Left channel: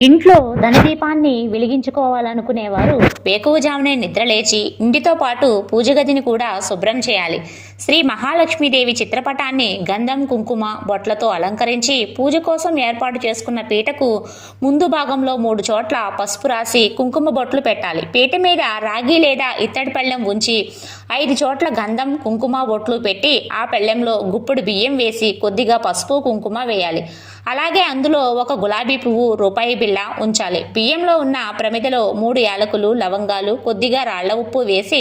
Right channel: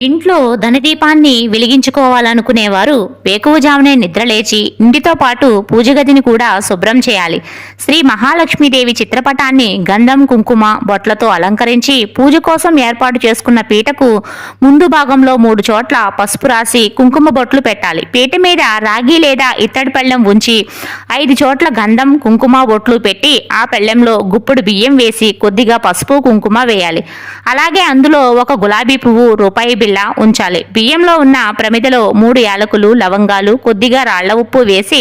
ఇంట్లో ధనదీపాన్ని వెలిగించుకోవాలనుకునేవారు వేకువజామునే నిద్రలేచి ఇంటితో పాటు పూజ గదిని కూడా శుభ్రం చేయాలి. శ్రీ మహాలక్ష్మీదేవి చిత్రపటాన్ని గంధం కుంకుమ బొట్లతో అలంకరించి పూజ కోసం ఏర్పాటు చేసుకున్న పీటకు ముందు భాగంలో 3 చోట్ల పసుపు రాసి కుంకుమ బొట్లు పెట్టాలి. పీట మీద రాగి లేదా ఇత్తడి పళ్ళెం ఉంచి 5 చోట్ల గంధం కుంకుమ బొట్లు పెట్టి ఆ పళ్ళెంలో గుప్పుడు బియ్యం వేసి కొద్దిగా పసుపు కుంకుమ వేయాలి. అలాగే అందులో ఒక గులాబీ పువ్వు రూపాయి బిళ్ళ ఉంచాలి. బియ్యంలో ఉన్న ప్రమిదలో 3 యాలకులు లవంగాలు కొద్దిగా రాళ్ల ఉప్పు వేసి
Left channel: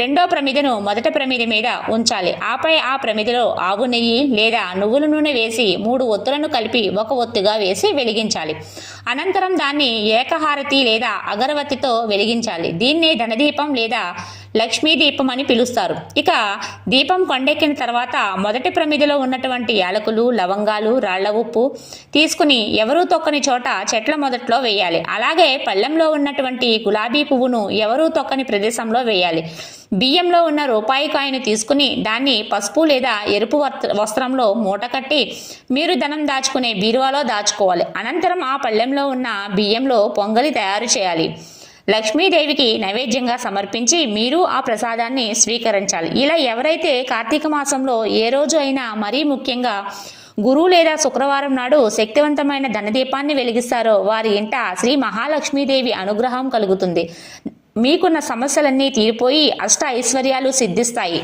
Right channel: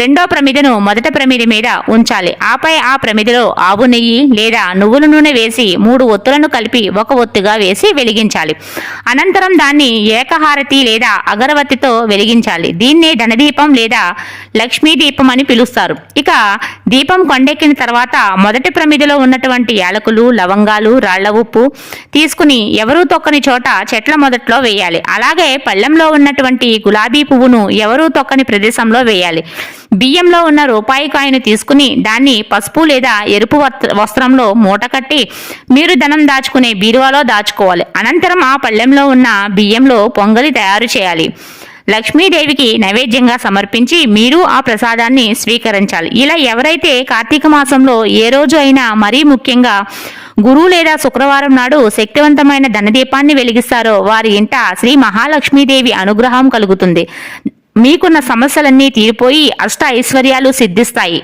రెండో ప్రమిదను మొదట ప్రమిద మీద ఉంచాలి. ఆపై ఆ ప్రమిదలో ఆవు నెయ్యి లేదా నువ్వుల నూనె వేసి 3 ఒత్తులను కలిపి ఒక ఒత్తుగా వేసి వెలిగించాలి. అనంతరం దాన్ని ఏకహారతి లేదా అగరవత్తితో వెలిగించాలి. దీన్నే ధనదీపం లేదా లక్ష్మీ దీపం అని పిలుస్తారు. ఇక దీపం కొండెక్కిన తర్వాత మొదటి ప్రమిదలో ఉన్నటువంటి యాలకులు లవంగాలు రాళ్ల ఉప్పు తీసుకుని ఎవరూ తొక్కని చోట చెట్ల మొదట్లో వేయాలి. అలాగే పళ్ళెంలో ఉన్నటువంటి గులాబీ పువ్వును ఎవరూ తొక్కని ప్రదేశంలో వేయాలి. బియ్యంలో ఉన్న రూపాయి కాయను తీసుకుని దాన్ని పసుపు లేదా ఎరుపు వస్త్రంలో మూట కట్టి మీరు ధనం దాచుకునే బీరువాలో దాచుకోవాలి. అనంతరం ఆ పళ్ళెంలో ఉన్న బియ్యంలో పొంగలి తయారు చేయాలి. లక్ష్మీదేవికి నైవేద్యంగా సమర్పించి మీరు ఆ ప్రసాదాన్ని స్వీకరించాలి. ఇలా ఎవరైతే కార్తీక మాసంలో ఏ రోజు అయినా మరీ ముఖ్యంగా గురు లేదా శుక్రవారం నాడు శక్తివంతమైన ధనదీపాన్ని వెలిగిస్తారో వారి ఇంట శ్రీ మహాలక్ష్మీదేవి అనుగ్రహం కలుగుతుంది. మీకున్న సమస్యలన్నీ తీరిపోయి అష్ట ఐశ్వర్యాలు సిద్ధిస్తాయి.